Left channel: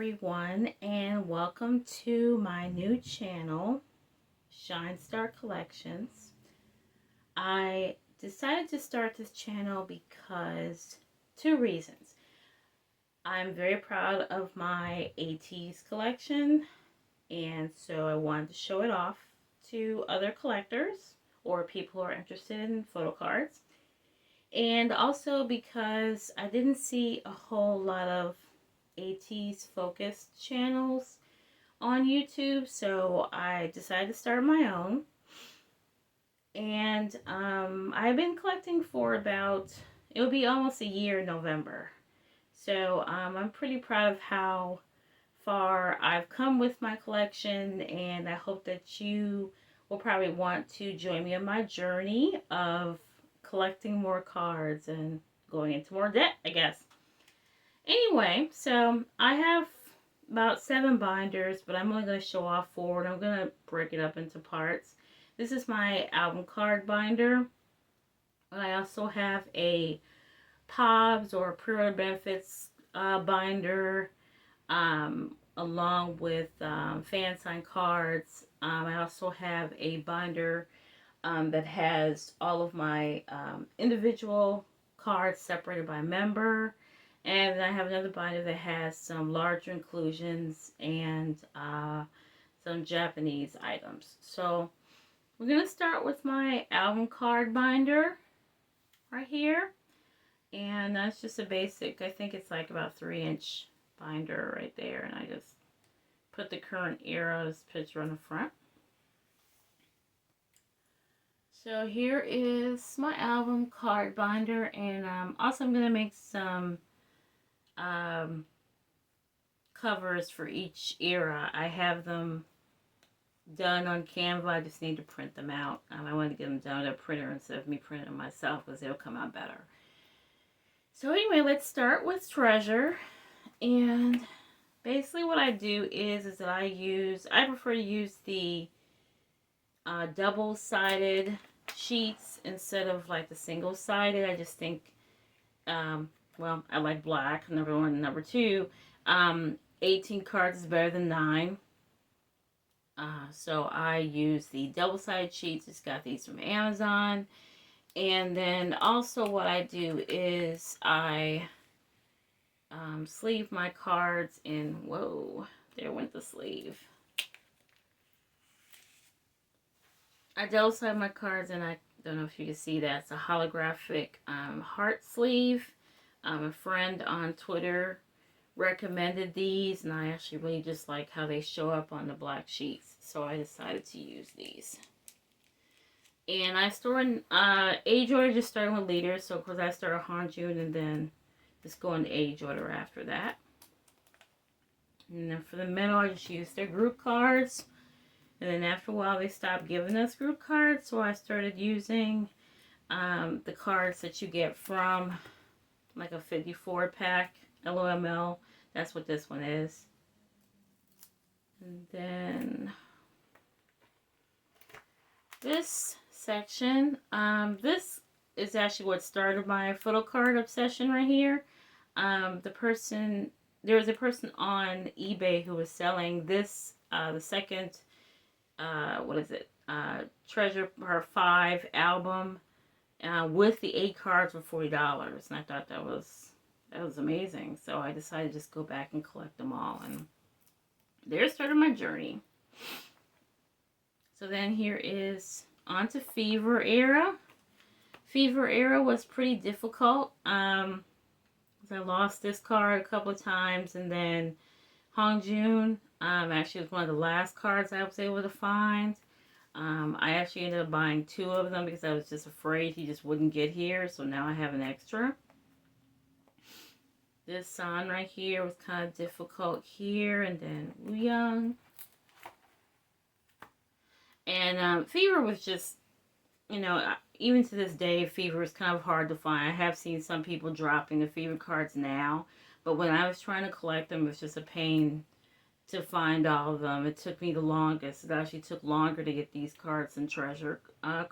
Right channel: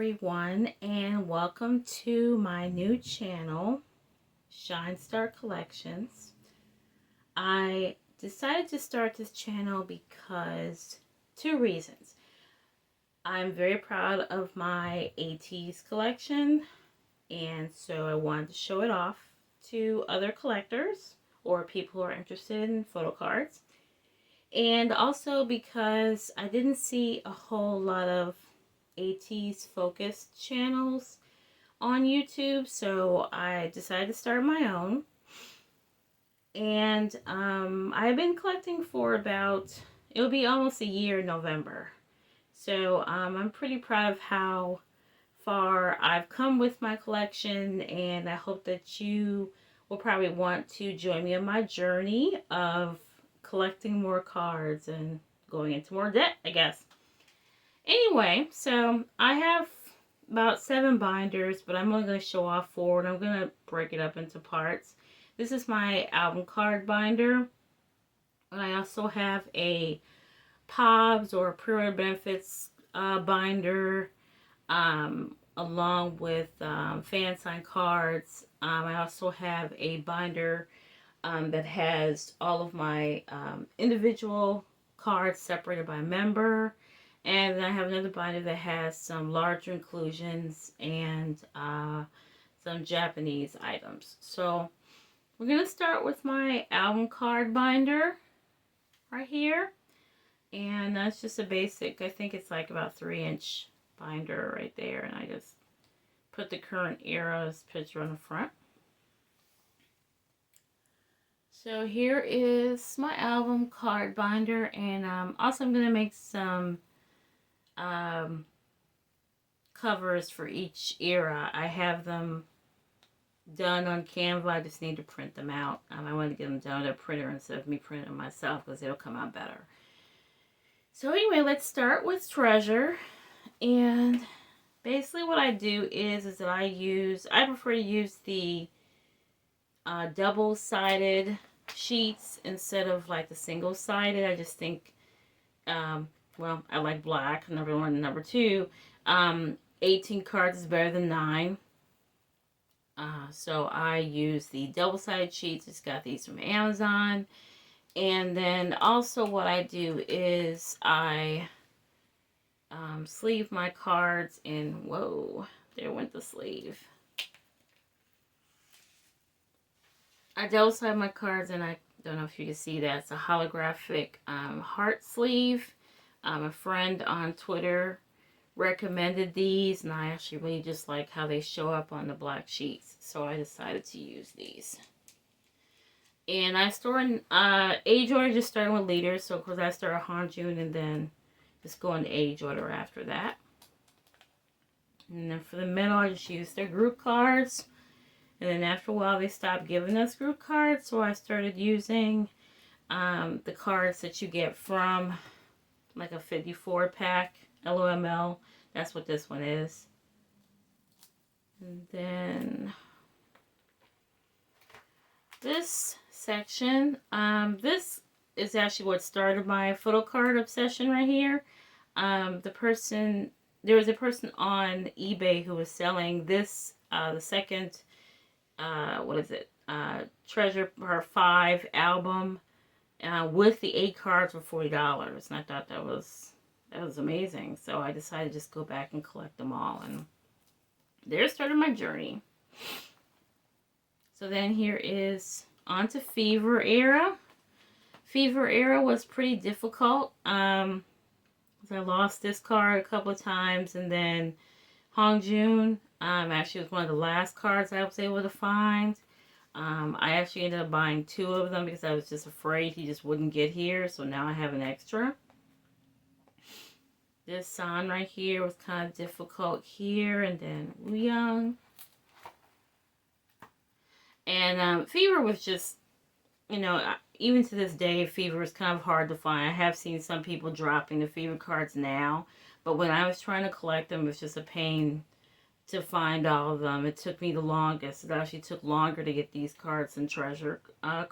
everyone, and welcome to my new channel, Shine Star Collections. I decided to start this channel because two reasons. I'm very proud of my Ateez collection, and so I wanted to show it off to other collectors or people who are interested in photo cards. And also because I didn't see a whole lot of Ateez focused channels on YouTube, so I decided to start my own. And I've been collecting for about, it'll be almost a year in November. So I'm pretty proud of how far I've come with my collection, and I hope that you will probably want to join me on my journey of collecting more cards and going into more debt, I guess. Anyway, so I have about 7 binders, but I'm only going to show off 4, and I'm going to break it up into parts. This is my album card binder. And I also have a POBs or pre-order benefits binder, along with fan sign cards. I also have a binder that has all of my individual cards separated by member. And then I have another binder that has some larger inclusions and some Japanese items. So we're going to start with my album card binder right here. And that's just a basic, I think it's like about 3-inch binder right there. And I just put the current era's picture on the front. So here is my album card binder. And also I'm going to make some covers for each era. I have them done on Canva. I just need to print them out. I want to get them done at a printer instead of me printing them myself, because it'll come out better. So anyway, let's start with Treasure. And basically what I do is that I prefer to use the double-sided sheets instead of like the single-sided. I just think well, I like black, number 1. Number 2, 18 cards is better than 9. So I use the double-sided sheets. Just got these from Amazon. And then also what I do is I sleeve my cards in, whoa, there went the sleeve. I double-side my cards, and I don't know if you can see that. It's a holographic heart sleeve. A friend on Twitter recommended these, and I actually really just like how they show up on the black sheets, so I decided to use these. And I store in age order, just starting with leaders. So of course I start Hanjun and then just go into age order after that. And then for the middle, I just use their group cards. And then after a while, they stopped giving us group cards, so I started using the cards that you get from like a 54 pack LOML. That's what this one is. And then this section, this is actually what started my photo card obsession right here. There was a person on eBay who was selling this, the second, Treasure Part 5 album, with the 8 cards for $40, and I thought that was amazing. So I decided to just go back and collect them all, and there started my journey. So then here is on to Fever Era. Fever Era was pretty difficult. I lost this card a couple of times, and then Hongjun actually was one of the last cards I was able to find. I actually ended up buying 2 of them because I was just afraid he just wouldn't get here, so now I have an extra. This San right here was kind of difficult here, and then Wuyang. And Fever was just, even to this day, Fever is kind of hard to find. I have seen some people dropping the Fever cards now, but when I was trying to collect them, it was just a pain to find all of them. It took me the longest. It actually took longer to get these cards than Treasure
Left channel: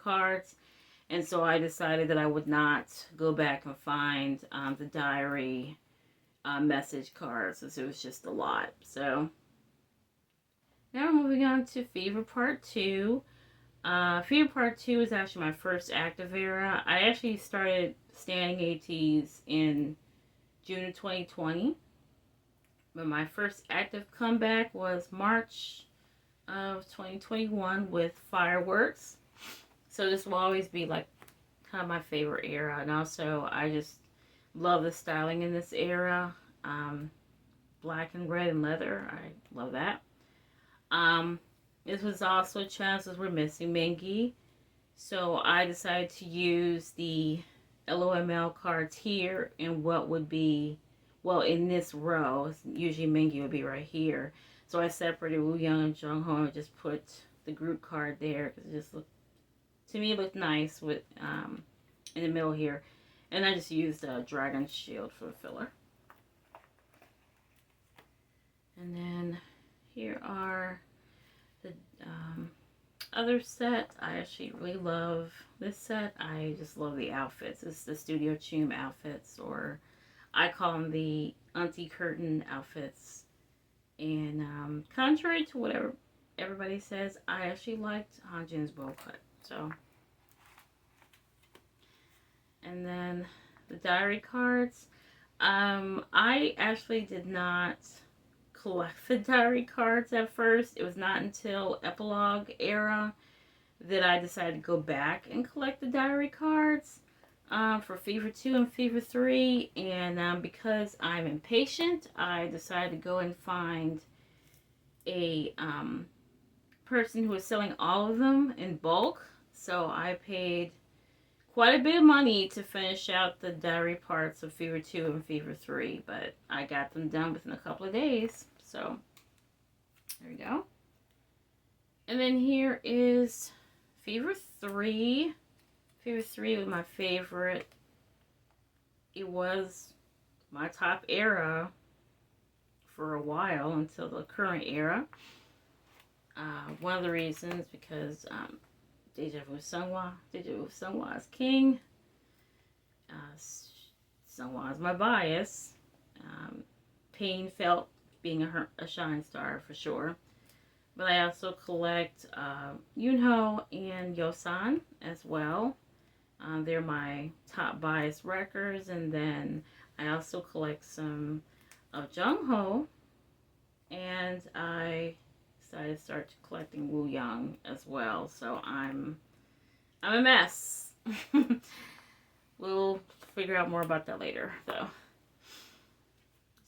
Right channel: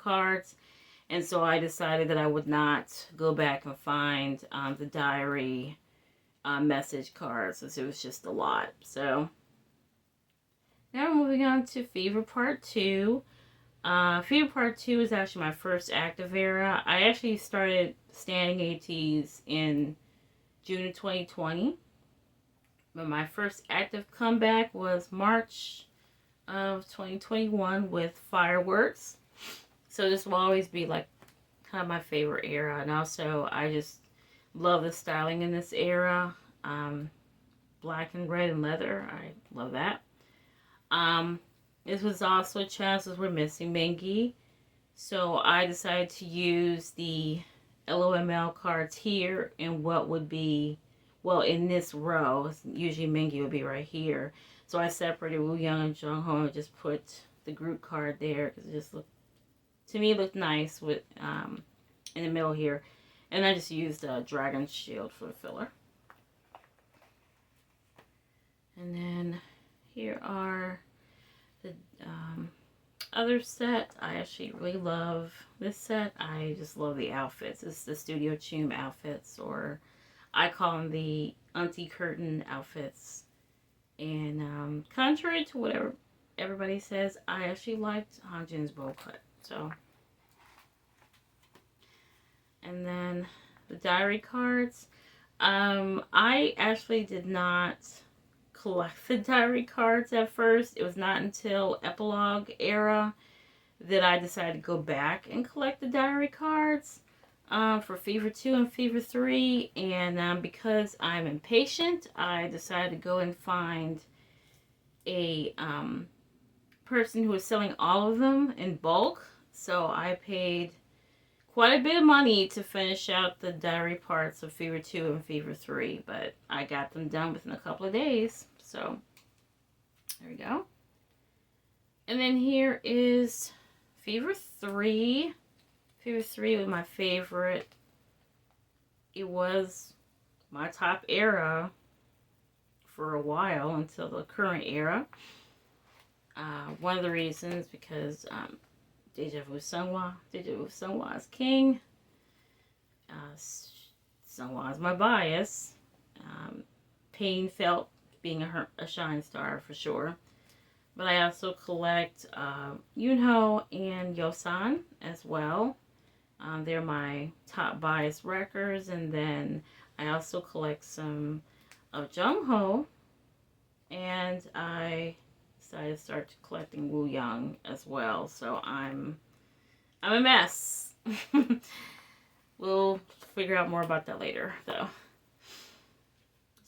cards. And so I decided that I would not go back and find the diary message cards, since it was just a lot. So now we're moving on to Fever Part 2. Fever Part 2 is actually my first active era. I actually started standing Ateez in June of 2020. But my first active comeback was March of 2021 with Fireworks. So this will always be like kind of my favorite era. And also, I just love the styling in this era. Black and red and leather. I love that. This was also chances we're missing Mengi. So I decided to use the LOML cards here in what would be, well, in this row. Usually Mengi would be right here. So I separated Woo Young and Jung Ho and just put the group card there because it just looked, to me, looked nice with in the middle here. And I just used Dragon Shield for the filler. And then here are the other set. I actually really love this set. I just love the outfits. It's the Studio Chum outfits, or I call them the Auntie Curtain outfits. And contrary to whatever everybody says, I actually liked Hanjin's bow cut. So, and then the diary cards. I actually did not collect the diary cards at first. It was not until Epilogue era that I decided to go back and collect the diary cards for Fever 2 and Fever 3. And because I'm impatient, I decided to go and find a person who was selling all of them in bulk. So I paid quite a bit of money to finish out the diary parts of Fever 2 and Fever 3, but I got them done within a couple of days. So there we go. And then here is Fever 3. Fever 3 was my favorite. It was my top era for a while until the current era. One of the reasons because Deja Vu Sunghwa is king. Sunghwa is my bias. Pain felt being a Shine Star for sure. But I also collect Yoonho and Yosan as well. They're my top bias records. And then I also collect some of Jungho. And I decided to start collecting Woo Young as well. So I'm a mess. We'll figure out more about that later, though.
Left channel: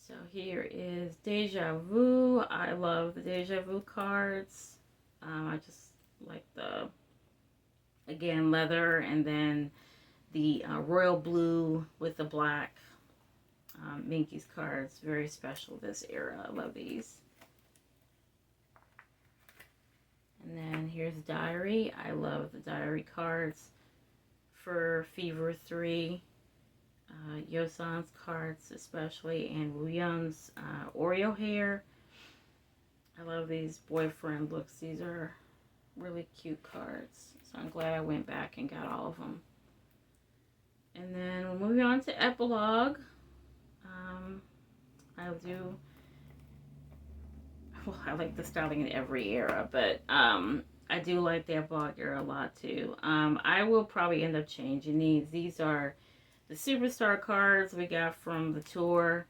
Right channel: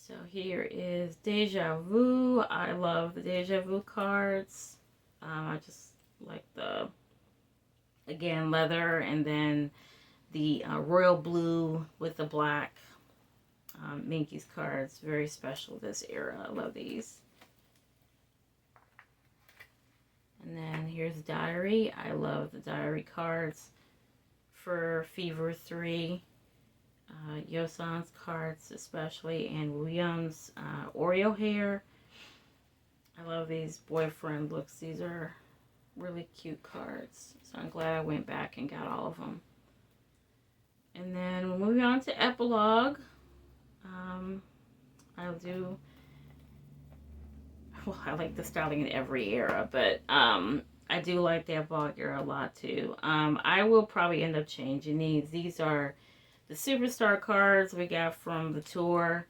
So here is Deja Vu. I love the Deja Vu cards. I just like the, again, leather, and then the royal blue with the black. Minky's cards, very special this era. I love these. And then here's Diary. I love the Diary cards for Fever 3. Yosan's cards especially, and Woo Young's Oreo hair. I love these boyfriend looks. These are really cute cards. So I'm glad I went back and got all of them. And then moving on to Epilogue. I like the styling in every era, but I do like the Epilogue era a lot too. I will probably end up changing these. These are the Superstar cards we got from the tour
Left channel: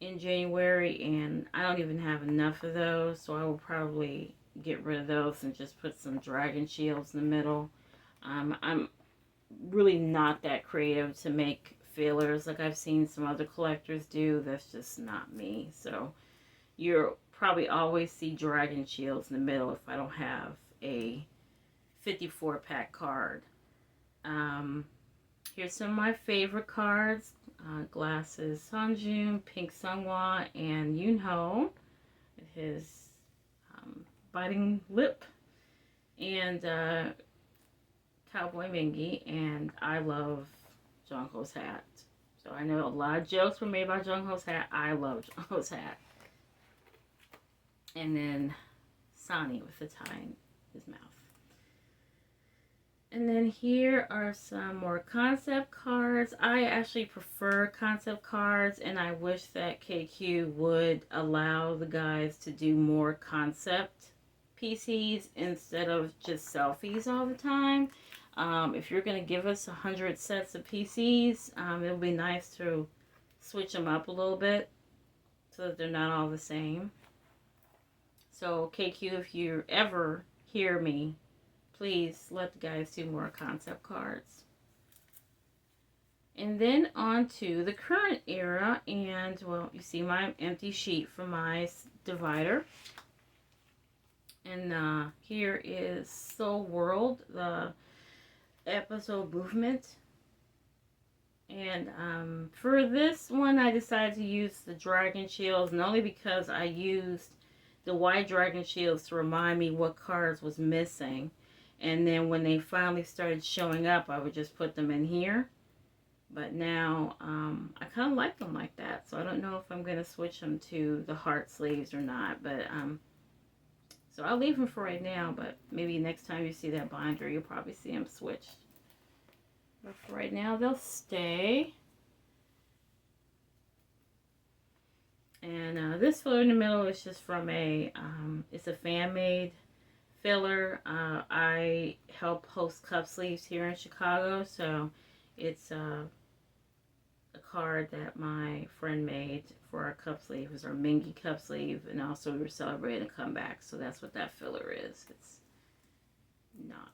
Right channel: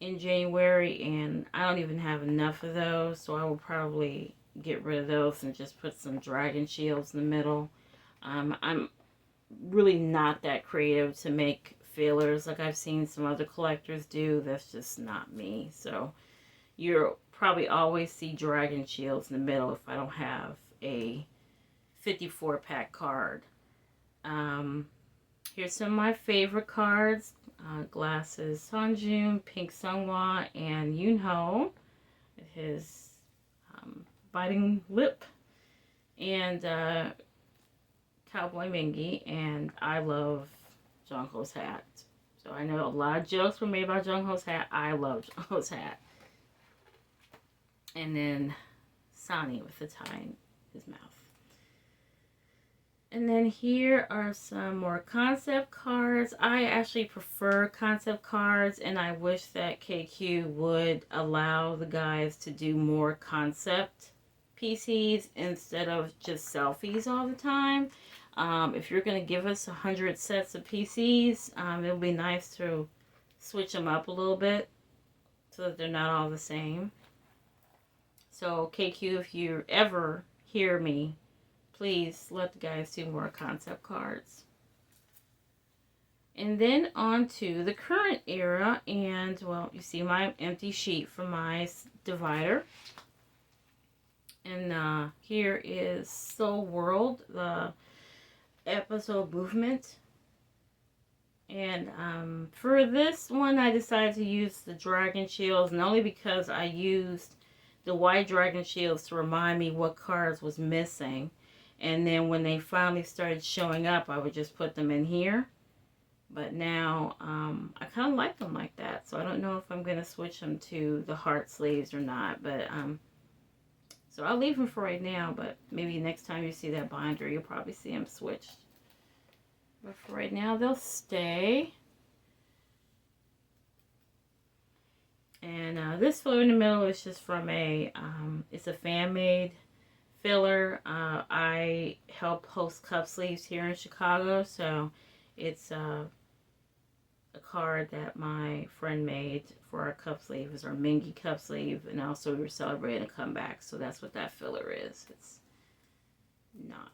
in January, and I don't even have enough of those, so I will probably get rid of those and just put some Dragon Shields in the middle. I'm really not that creative to make fillers like I've seen some other collectors do. That's just not me. So you'll probably always see Dragon Shields in the middle if I don't have a 54-pack card. Here's some of my favorite cards. Glasses Sunjun, Pink Sunghwa, and Yoonho. His biting lip. And Cowboy Mingy. And I love Jungho's hat. So I know a lot of jokes were made about Jungho's hat. I love Jungho's hat. And then Sonny with the tie in his mouth. And then here are some more concept cards. I actually prefer concept cards, and I wish that KQ would allow the guys to do more concept PCs instead of just selfies all the time. If you're going to give us 100 sets of PCs, it'll be nice to switch them up a little bit so that they're not all the same. So KQ, if you ever hear me, please let the guys do more concept cards. And then on to the current era, and well, you see my empty sheet for my divider. And here is Soul World, the episode movement. And for this one, I decided to use the dragon shields, not only because I used the white dragon shields to remind me what cards was missing. And then when they finally started showing up, I would just put them in here. But now, I kind of like them like that. So I don't know if I'm going to switch them to the heart sleeves or not. But, so I'll leave them for right now. But maybe next time you see that binder, you'll probably see them switched. But for right now, they'll stay. And this filler in the middle is just from it's a fan-made filler. I help host cup sleeves here in Chicago, so it's a card that my friend made for our cup sleeve. It's our Mingy cup sleeve, and also we were celebrating a comeback, so that's what that filler is. It's not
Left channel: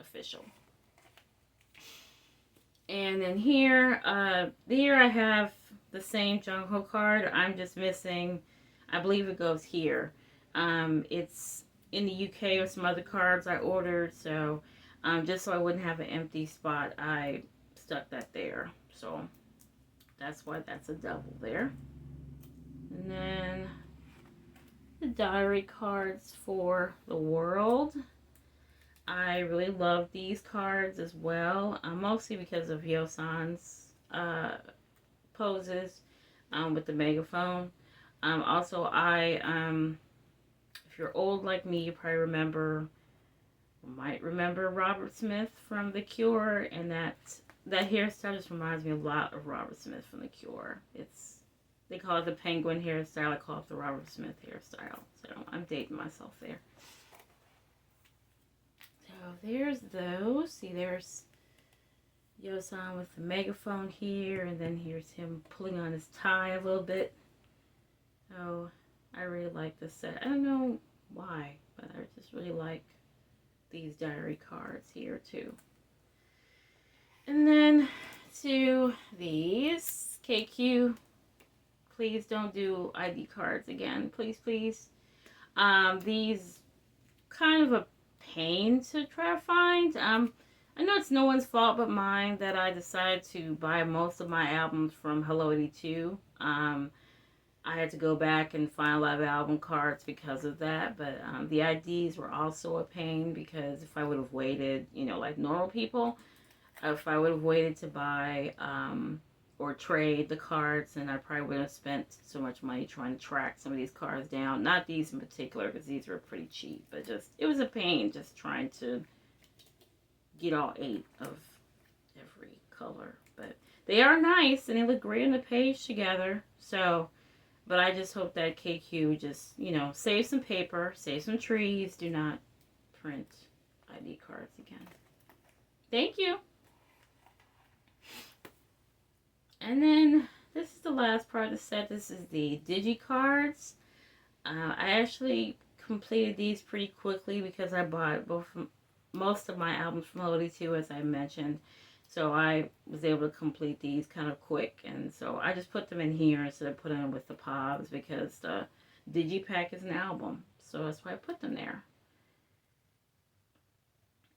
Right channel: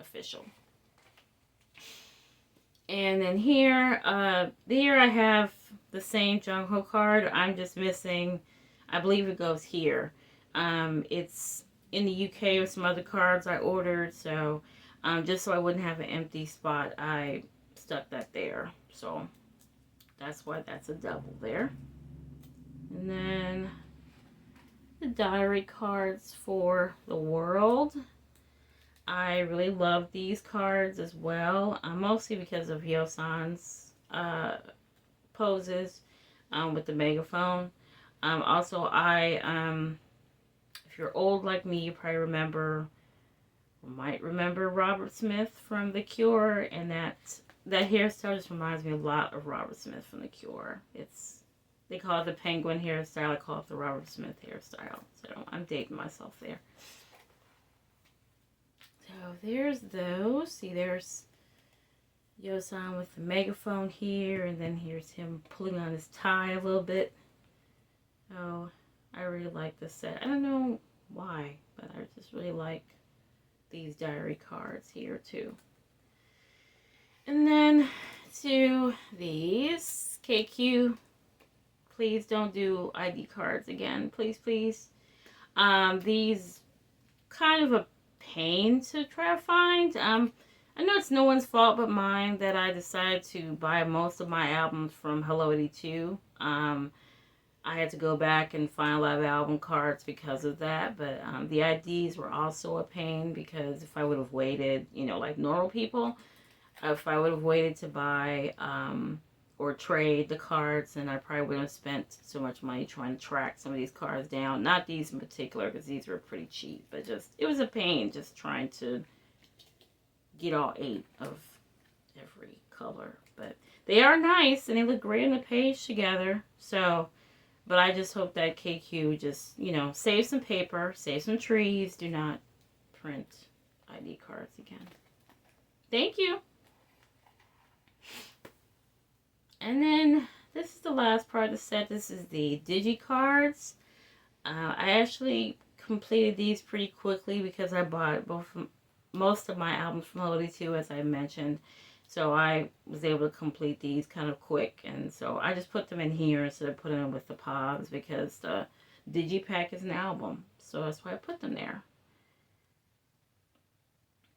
official. And then here I have the same Jung Ho card. I'm just missing, I believe it goes here. It's in the UK with some other cards I ordered, so just so I wouldn't have an empty spot, I stuck that there. So that's why that's a double there. And then the diary cards for the world. I really love these cards as well, mostly because of Yosan's poses with the megaphone. Also, if you're old like me, you probably might remember Robert Smith from The Cure, and that hairstyle just reminds me a lot of Robert Smith from The Cure. They call it the penguin hairstyle. I call it the Robert Smith hairstyle. So I'm dating myself there. So there's those. See, there's Yosan with the megaphone here, and then here's him pulling on his tie a little bit. So I really like this set. I don't know why, but I just really like these diary cards here too. And then to these KQ, please don't do ID cards again, please. These kind of a pain to try to find. I know it's no one's fault but mine that I decided to buy most of my albums from Hello 82. I had to go back and find a lot of album cards because of that, but the IDs were also a pain because if I would have waited, like normal people, if I would have waited to buy or trade the cards, then I probably wouldn't have spent so much money trying to track some of these cards down. Not these in particular, because these were pretty cheap, but it was a pain just trying to get all 8 of every color. But they are nice, and they look great on the page together, so, but I just hope that KQ just, save some paper, save some trees, do not print ID cards again. Thank you. And then this is the last part of the set. This is the Digi cards. I actually completed these pretty quickly because I bought most of my albums from Hello 82, as I mentioned. So I was able to complete these kind of quick. And so I just put them in here instead of putting them with the POBs because the Digipack is an album. So that's why I put them there.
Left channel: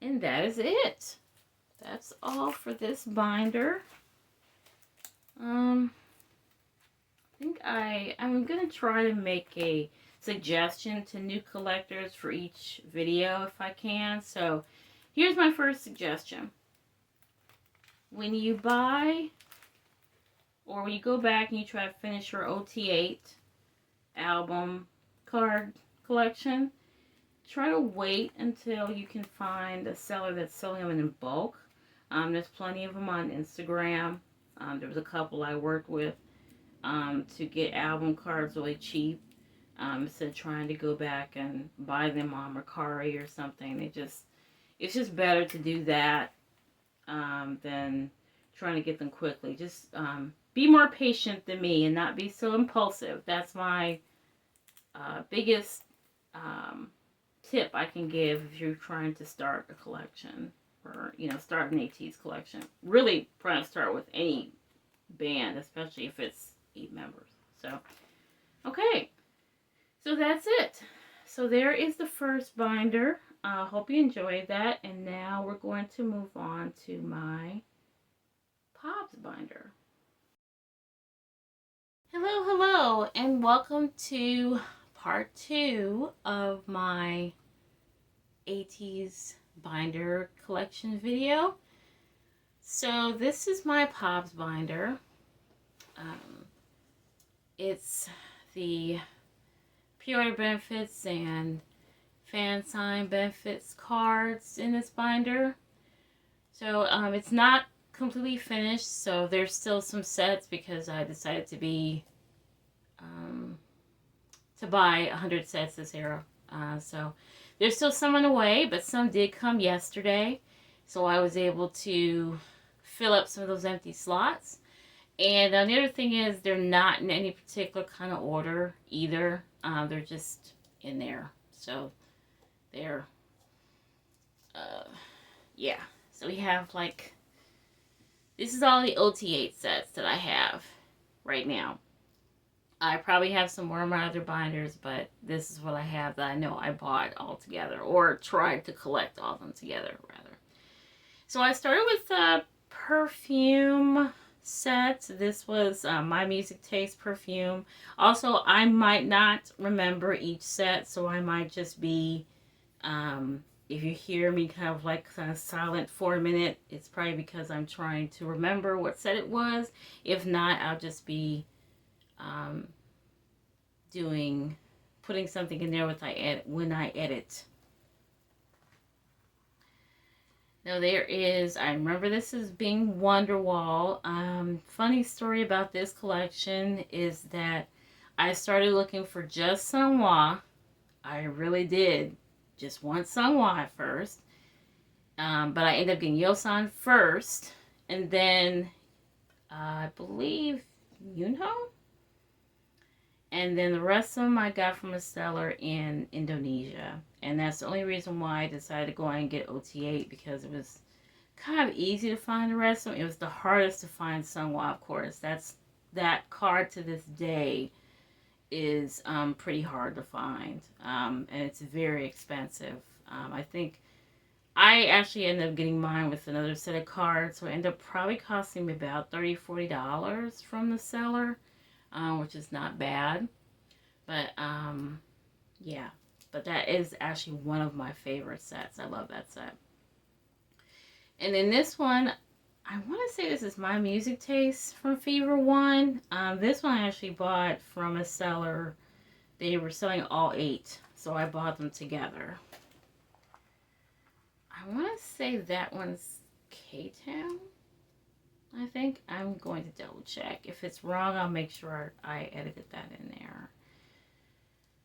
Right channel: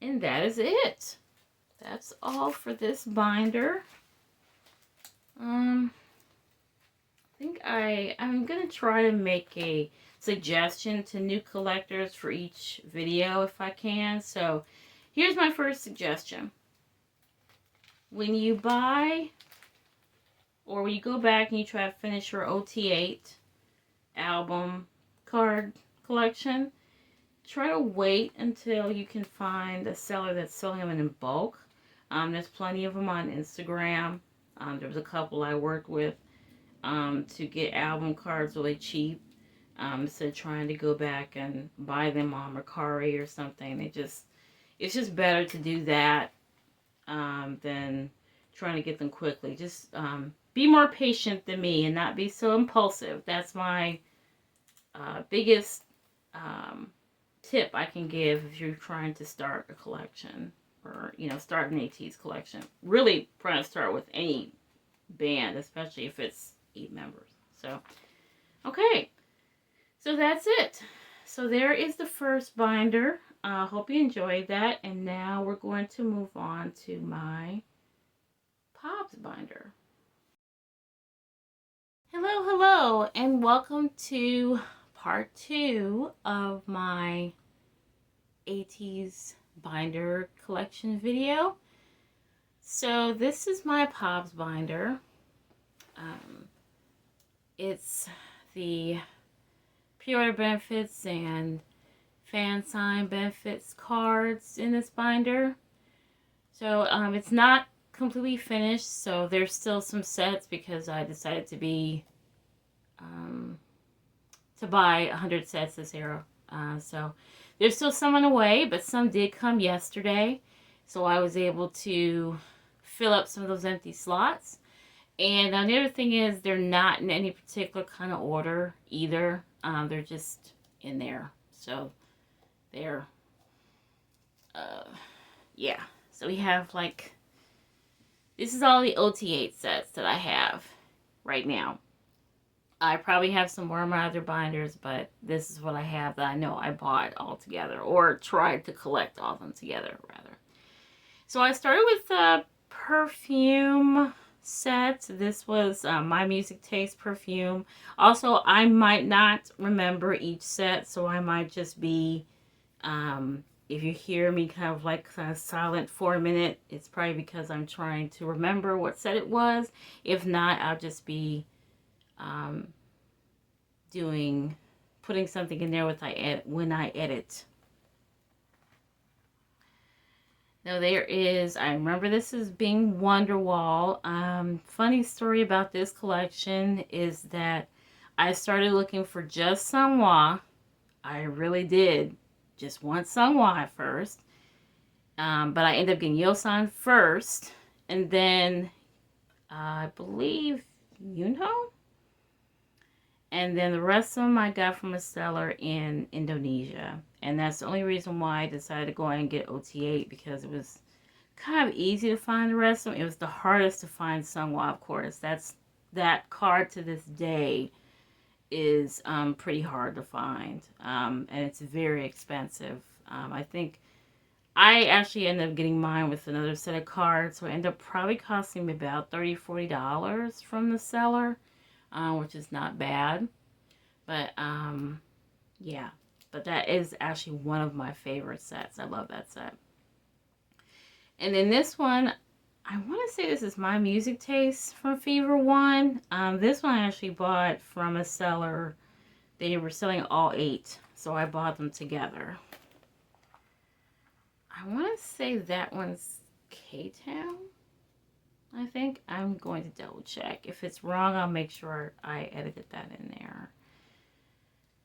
And that is it. That's all for this binder. I think I'm going to try to make a suggestion to new collectors for each video if I can. So here's my first suggestion. When you buy or when you go back and you try to finish your OT8 album card collection, try to wait until you can find a seller that's selling them in bulk. There's plenty of them on Instagram. There was a couple I worked with to get album cards really cheap. Instead of trying to go back and buy them on Mercari or something. It's just better to do that than trying to get them quickly. Just be more patient than me and not be so impulsive. That's my biggest tip I can give if you're trying to start a collection or, start an Ateez collection. Really trying to start with any band, especially if it's 8 members. So, okay. So that's it. So there is the first binder. Hope you enjoyed that. And now we're going to move on to my Pops binder. Hello, and welcome to part 2 of my Ateez binder collection video. So this is my Pops binder. It's the pre-order benefits and fan sign benefits cards in this binder. So it's not completely finished, so there's still some sets because I decided to buy 100 sets this year. So there's still some on the way, but some did come yesterday, so I was able to fill up some of those empty slots. And the other thing is they're not in any particular kind of order either. They're just in there. So they're, yeah. So we have this is all the OT8 sets that I have right now. I probably have some more in my other binders, but this is what I have that I know I bought all together or tried to collect all of them together, rather. So I started with the perfume set. This was My Music Taste perfume. Also, I might not remember each set, so I might just be, if you hear me kind of silent for a minute, it's probably because I'm trying to remember what set it was. If not, I'll just be putting something in there when I edit. Now there is, I remember this as being Wonderwall. Funny story about this collection is that I started looking for just Sanwa. I really did. Just want Sanwa at first. But I ended up getting Yosan first. And then, I believe, Yunho? And then the rest of them I got from a seller in Indonesia. And that's the only reason why I decided to go ahead and get OT8, because it was kind of easy to find the rest of them. It was the hardest to find Sanwa, of course. That card to this day is pretty hard to find. And it's very expensive. I think I actually ended up getting mine with another set of cards. So it ended up probably costing me about $30, $40 from the seller. Which is not bad, but yeah, but that is actually one of my favorite sets. I love that set. And then this one, I want to say this is My Music Taste from Fever One. This one I actually bought from a seller. They were selling all 8, so I bought them together. I want to say that one's K-Town. I think I'm going to double check. If it's wrong, I'll make sure I edited that in there.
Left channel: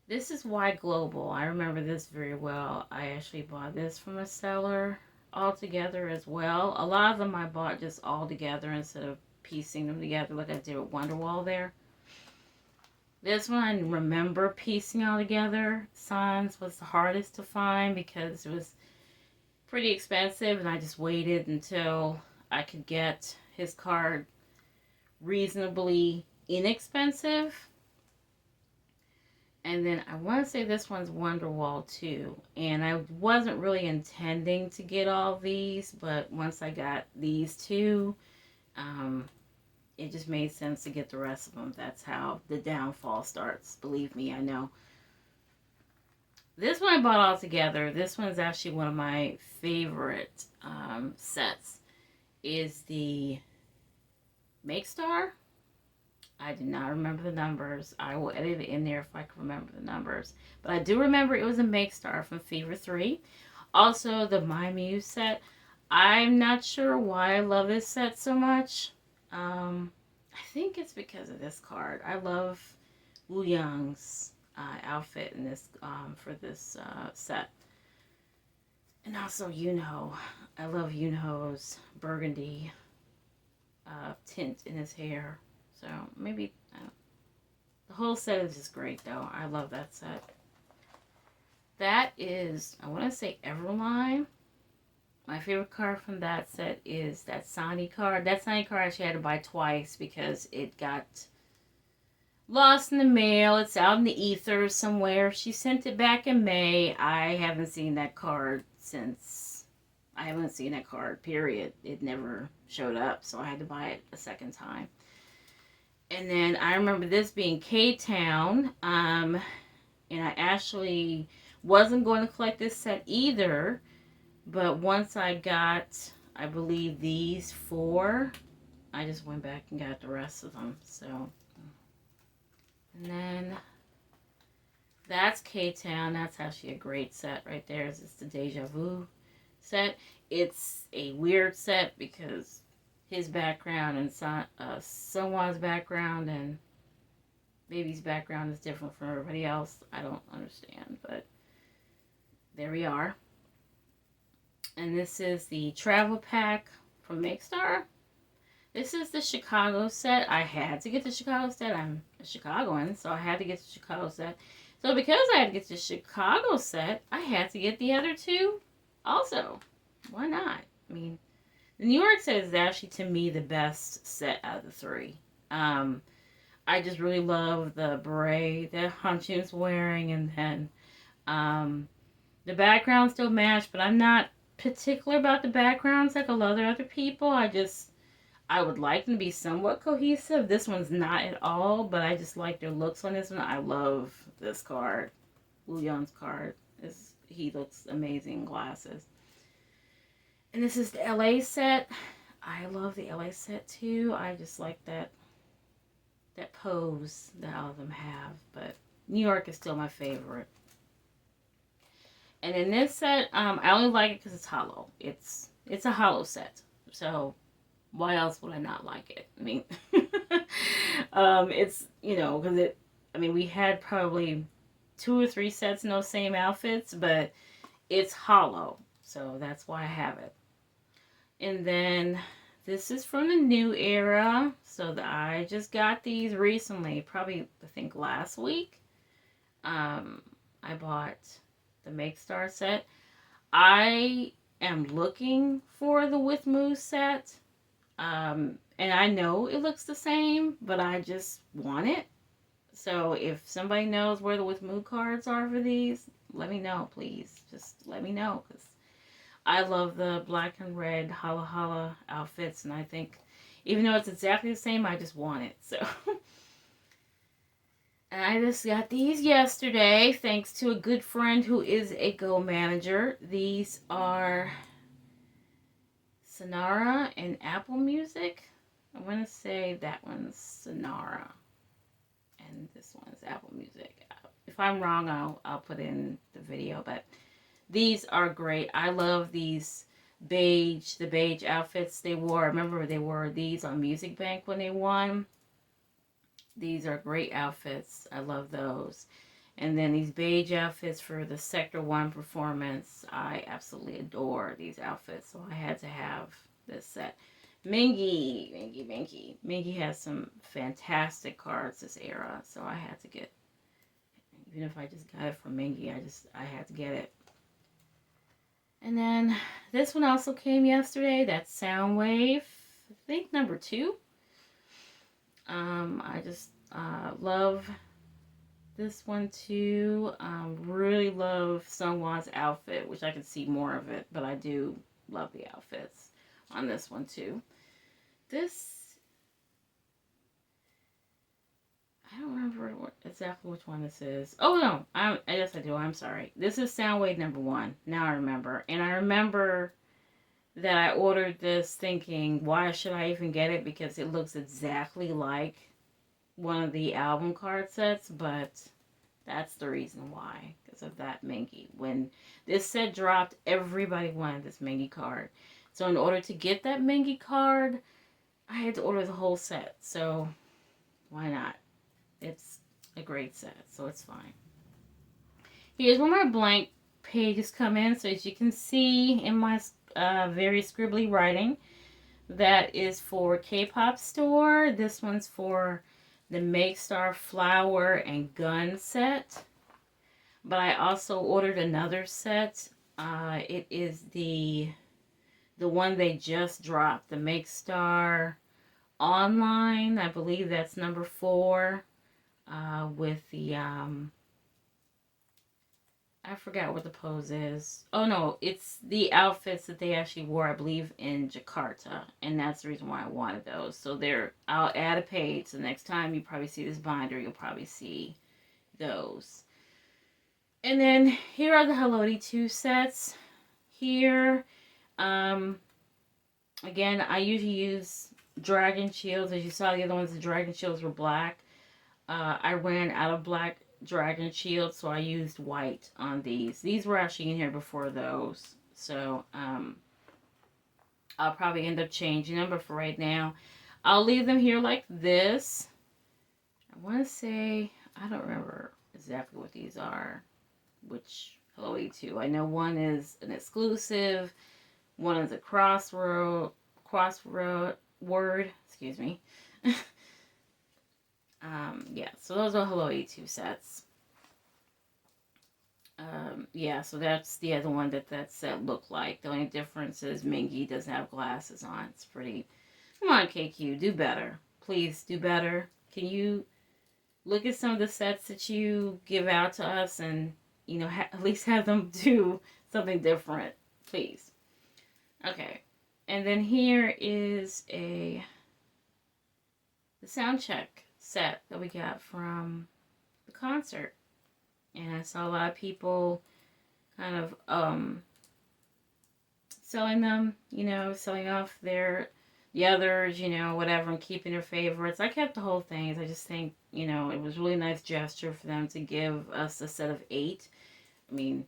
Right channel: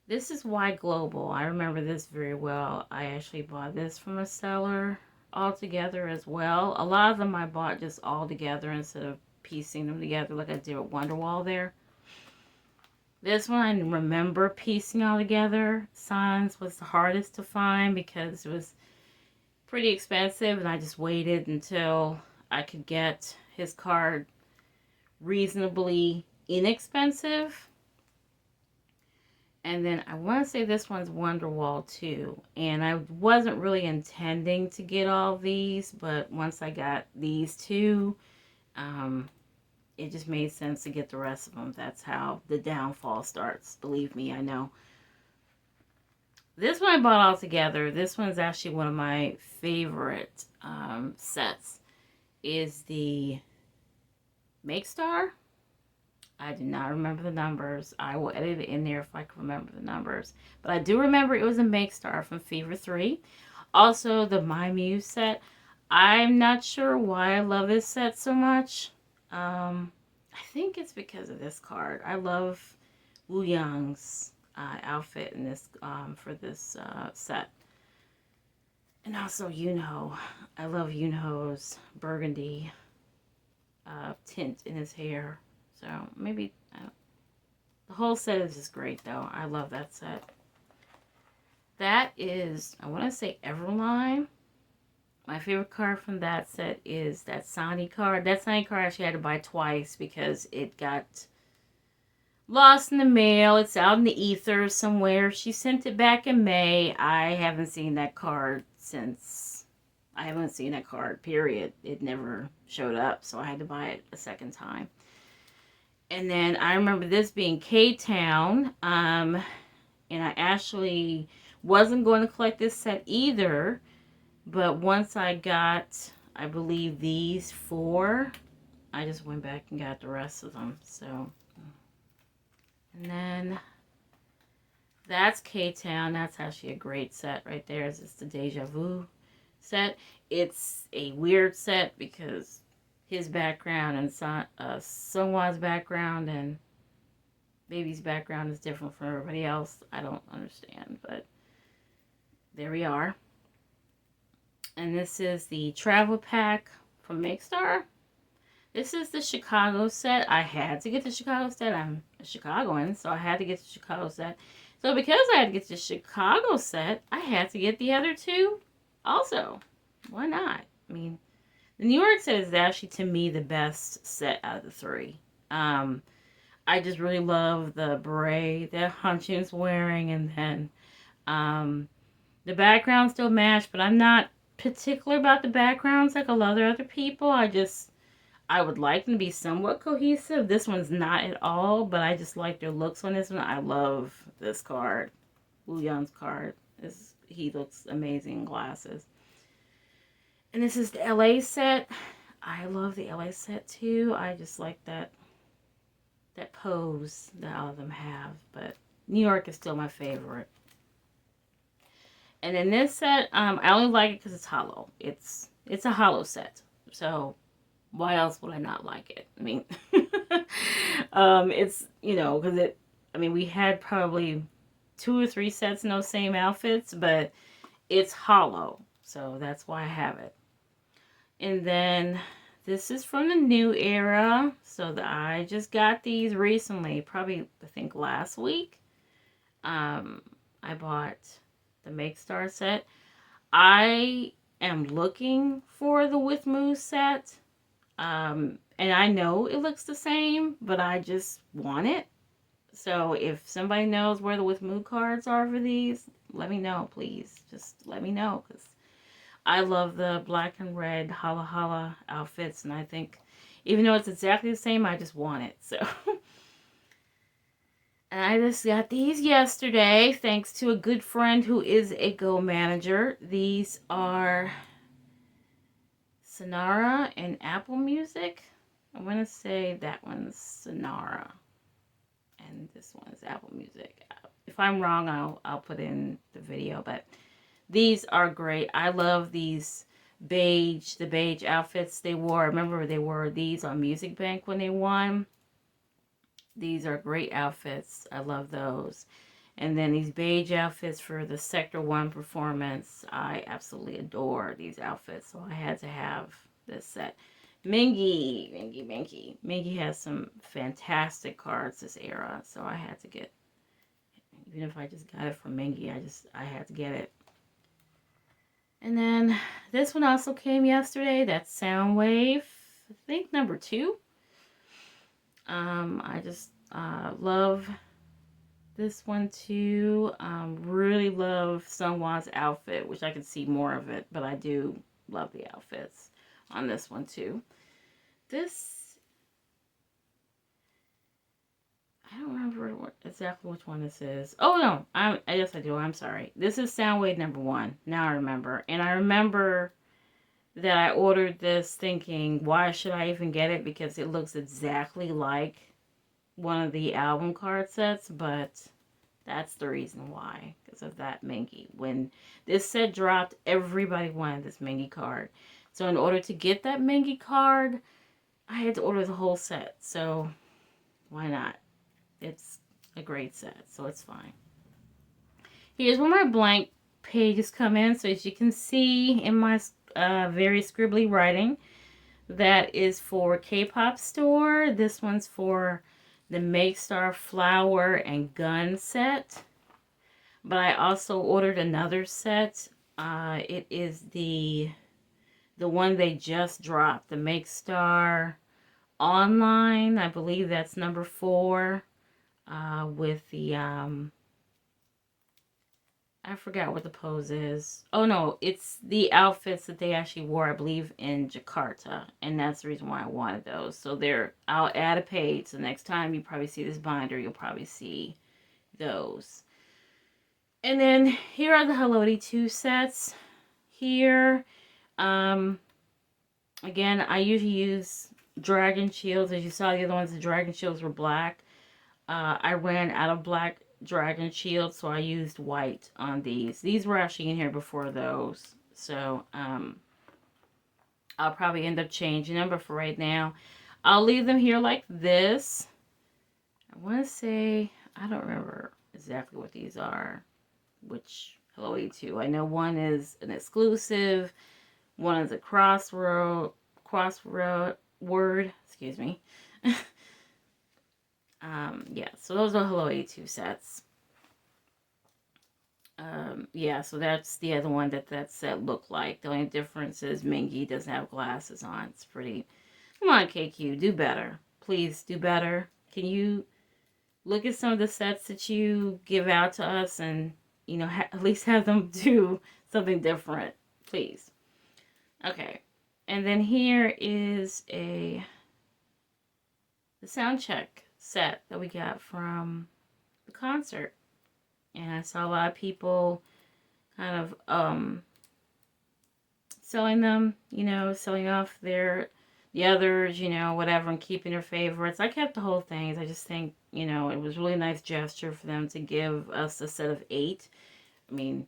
This is Why Global. I remember this very well. I actually bought this from a seller all together as well. A lot of them I bought just all together instead of piecing them together like I did with Wonderwall there. This one I remember piecing all together. Sans was the hardest to find because it was pretty expensive, and I just waited until I could get his card reasonably inexpensive. And then I want to say this one's Wonderwall too. And I wasn't really intending to get all these, but once I got these two, it just made sense to get the rest of them. That's how the downfall starts. Believe me, I know. This one I bought all together. This one's actually one of my favorite sets. Is the Make Star. I did not remember the numbers. I will edit it in there if I can remember the numbers. But I do remember it was a Make Star from Fever 3. Also, the My Muse set. I'm not sure why I love this set so much. I think it's because of this card. I love Wu Yang's outfit in this for this set. And also Yunho. I love Yunho's burgundy tint in his hair. So maybe the whole set is just great though. I love that set. That is, I want to say Everline. My favorite card from that set is that Sani card. That Sani card I actually had to buy twice because it got lost in the mail. It's out in the ether somewhere. She sent it back in May. I haven't seen that card since. I haven't seen that card, period. It never showed up, so I had to buy it a second time. And then I remember this being K-Town. And I actually wasn't going to collect this set either. But once I got, I believe, these 4, I just went back and got the rest of them. So, and then that's K-Town. That's actually a great set right there. It's the Deja Vu set. It's a weird set because his background and Sungwan's background and Baby's background is different from everybody else. I don't understand, but there we are. And this is the travel pack from Makestar. This is the Chicago set. I had to get the Chicago set. I'm a Chicagoan, so I had to get the Chicago set. So because I had to get the Chicago set, I had to get the other 2 also. Why not? I mean, the New York set is actually, to me, the best set out of the 3. I just really love the beret that Hanchun's wearing, and then the background still matched, but I'm not particular about the backgrounds like a lot of other people. I would like them to be somewhat cohesive. This one's not at all, but I just like their looks on this one. I love this card. Wu Yang's card. He looks amazing in glasses. And this is the LA set. I love the LA set too. I just like that pose that all of them have. But New York is still my favorite. And in this set, I only like it because it's hollow. It's a hollow set. So why else would I not like it? I mean, it's, because we had probably 2 or 3 sets in those same outfits, but it's hollow. So that's why I have it. And then this is from the new era. So I just got these recently, probably, I think, last week. I bought the Make Star set. I am looking for the With Moose set. And I know it looks the same, but I just want it. So if somebody knows where the With Moose cards are for these, let me know, please. Just let me know, because I love the black and red holla holla outfits, and I think even though it's exactly the same, I just want it. So I just got these yesterday, thanks to a good friend who is a Go manager. These are Sonara and Apple Music. I want to say that one's Sonara, and this one is Apple Music. If I'm wrong, I'll put in the video, but these are great. I love these the beige outfits they wore. I remember they wore these on Music Bank when they won. These are great outfits. I love those. And then these beige outfits for the Sector 1 performance. I absolutely adore these outfits. So I had to have this set. Mingy. Mingy has some fantastic cards this era. So I had to get, even if I just got it from Mingy, I had to get it. And then this one also came yesterday. That's Soundwave. I think number 2. I just love this one too. Really love Sungwan's outfit, which I can see more of it, but I do love the outfits on this one too. I don't remember exactly which one this is. Oh no, yes I do. I'm sorry. This is Soundwave number 1. Now I remember, and I remember that I ordered this thinking, why should I even get it? Because it looks exactly like one of the album card sets, but that's the reason why, because of that Mengi. When this set dropped, everybody wanted this Mengi card. So in order to get that Mengi card, I had to order the whole set. So why not? It's a great set, so it's fine. Here's where my blank pages come in. So as you can see in my very scribbly writing, that is for K-pop store. This one's for the Make Star Flower and Gun set. But I also ordered another set. It is the one they just dropped, the Make Star Online. I believe that's number 4. With the I forgot what the pose is. Oh no, it's the outfits that they actually wore, I believe, in Jakarta, and that's the reason why I wanted those. So there, I'll add a page. So next time you probably see this binder, you'll probably see those. And then here are the Hello 82 sets. Here, again, I usually use Dragon Shields. As you saw, the other ones, the Dragon Shields were black. I ran out of black Dragon Shields, so I used white on these. These were actually in here before those. So, I'll probably end up changing them, but for right now, I'll leave them here like this. I want to say, I don't remember exactly what these are. Which Hello 82. I know one is an exclusive, one is a crossword, excuse me. Yeah, so those are Hello 82 sets. Yeah, so that's the other one that set looked like. The only difference is Mingy doesn't have glasses on. It's pretty. Come on, KQ, do better. Please do better. Can you look at some of the sets that you give out to us and, you know, at least have them do something different, please. Okay, and then here is the sound check set that we got from the concert. And I saw a lot of people kind of selling them, you know, selling off the others, you know, whatever, and keeping their favorites. I kept the whole thing. I just think, you know, it was a really nice gesture for them to give us a set of 8. I mean,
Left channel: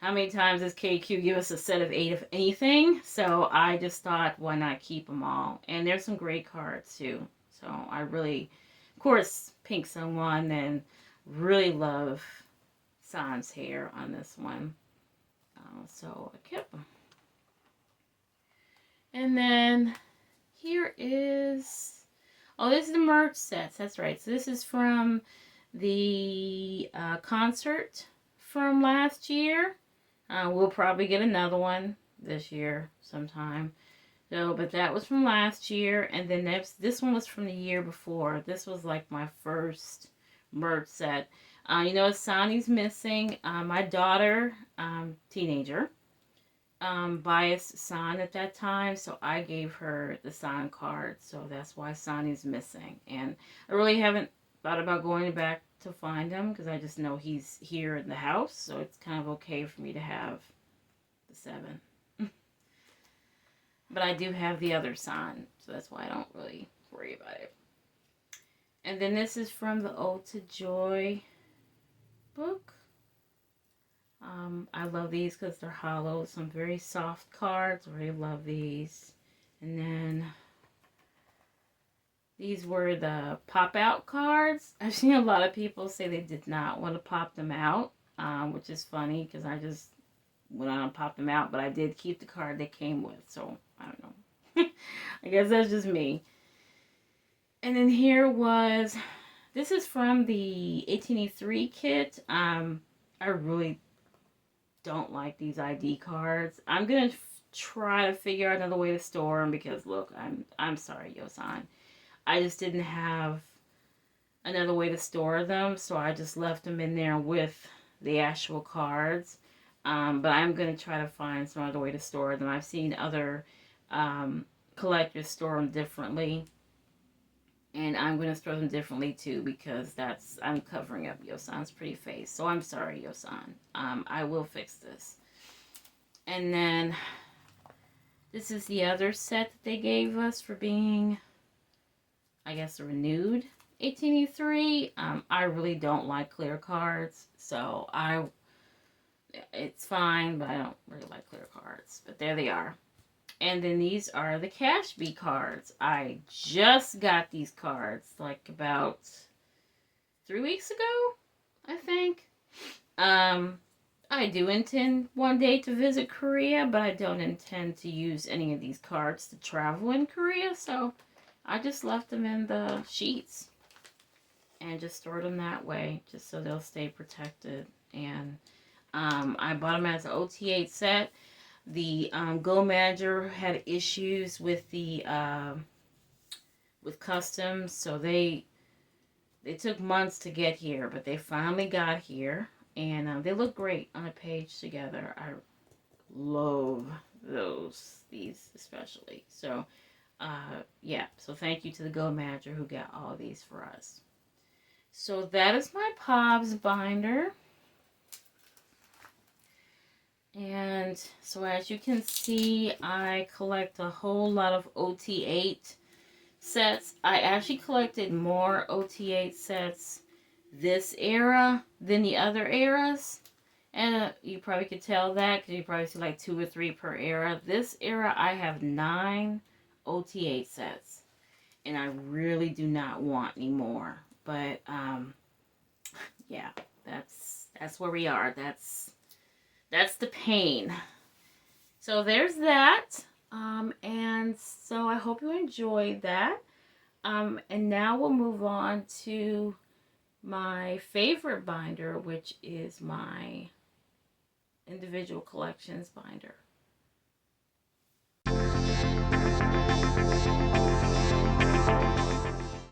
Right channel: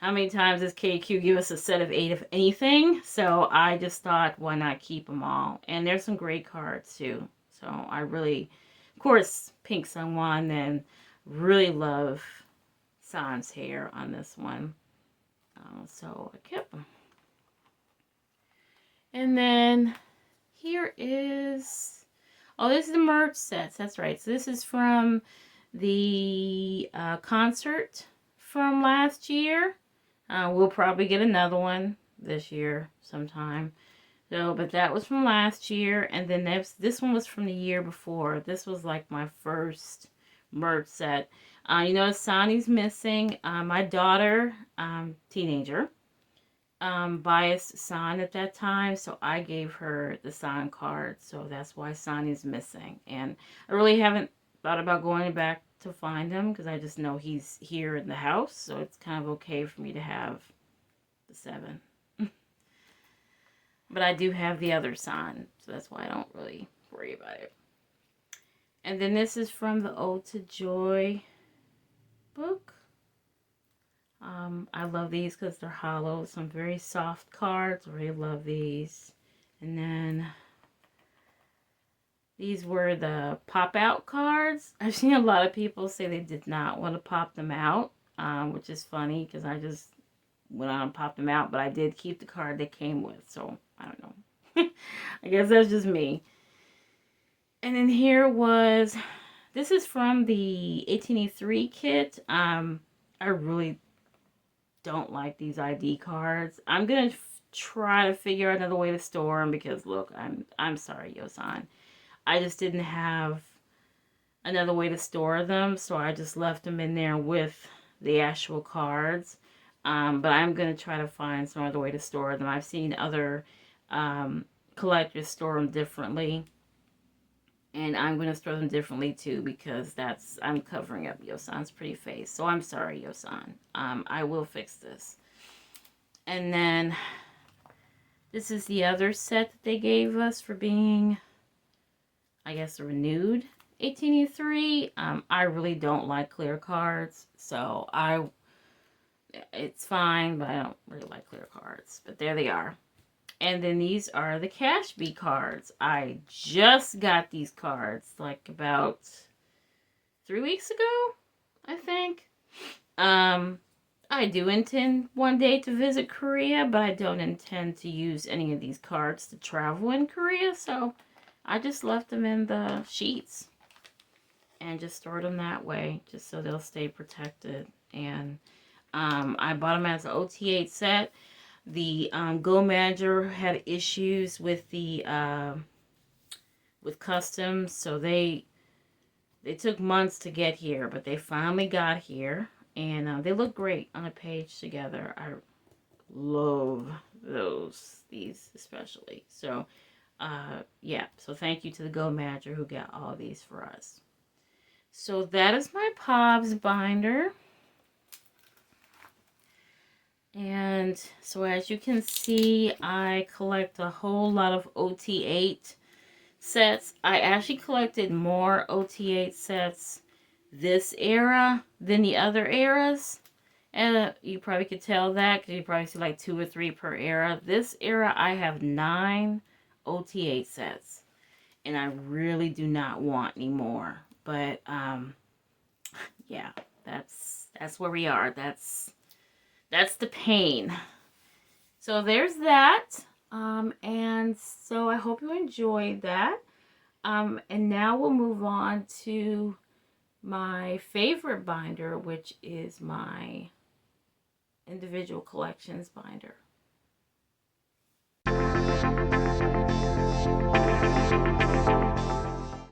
how many times does KQ give us a set of 8 of anything? So I just thought, why not keep them all? And there's some great cards too. So I really, of course, Pink Sun won, and really love San's hair on this one. So I kept them. And then here is, oh, this is the merch sets. That's right. So this is from the concert from last year. We'll probably get another one this year sometime. So, but that was from last year, and then this one was from the year before. This was like my first merch set. You know, Sonny's missing. My daughter, teenager, biased Son at that time, so I gave her the Son card. So that's why Sonny's missing. And I really haven't thought about going back to find him because I just know he's here in the house, so it's kind of okay for me to have the 7. But I do have the other Son, so that's why I don't really worry about it. And then this is from the Ode to Joy book. I love these because they're hollow. Some very soft cards. I really love these. And then these were the pop-out cards. I've seen a lot of people say they did not want to pop them out, which is funny because I just went on and popped them out. But I did keep the card they came with, so I don't know. I guess that's just me. And then here was, this is from the 18E3 kit. I really don't like these ID cards. I'm gonna try to figure out another way to store them because look, I'm sorry, Yosan. I just didn't have another way to store them, so I just left them in there with the actual cards. But I'm gonna try to find some other way to store them. I've seen other collectors store them differently. And I'm going to store them differently too because I'm covering up Yosan's pretty face. So I'm sorry, Yosan. I will fix this. And then this is the other set that they gave us for being, I guess, renewed. 1883. I really don't like clear cards, so it's fine, but I don't really like clear cards. But there they are. And then these are the Cash Bee cards. I just got these cards like about 3 weeks ago, I think. Um, I do intend one day to visit Korea, but I don't intend to use any of these cards to travel in Korea, so I just left them in the sheets and just stored them that way, just so they'll stay protected. And I bought them as an OT8 set. The Go Manager had issues with the with customs, so they took months to get here, but they finally got here, and they look great on a page together. I love these especially. So, yeah. So thank you to the Go Manager who got all of these for us. So that is my POBs binder. And so as you can see, I collect a whole lot of OT8 sets. I actually collected more OT8 sets this era than the other eras. And you probably could tell that because you probably see like 2 or 3 per era. This era, I have 9 OT8 sets. And I really do not want any more. But, yeah, that's where we are. That's the pain. So there's that. And so I hope you enjoyed that. And now we'll move on to my favorite binder, which is my individual collections binder.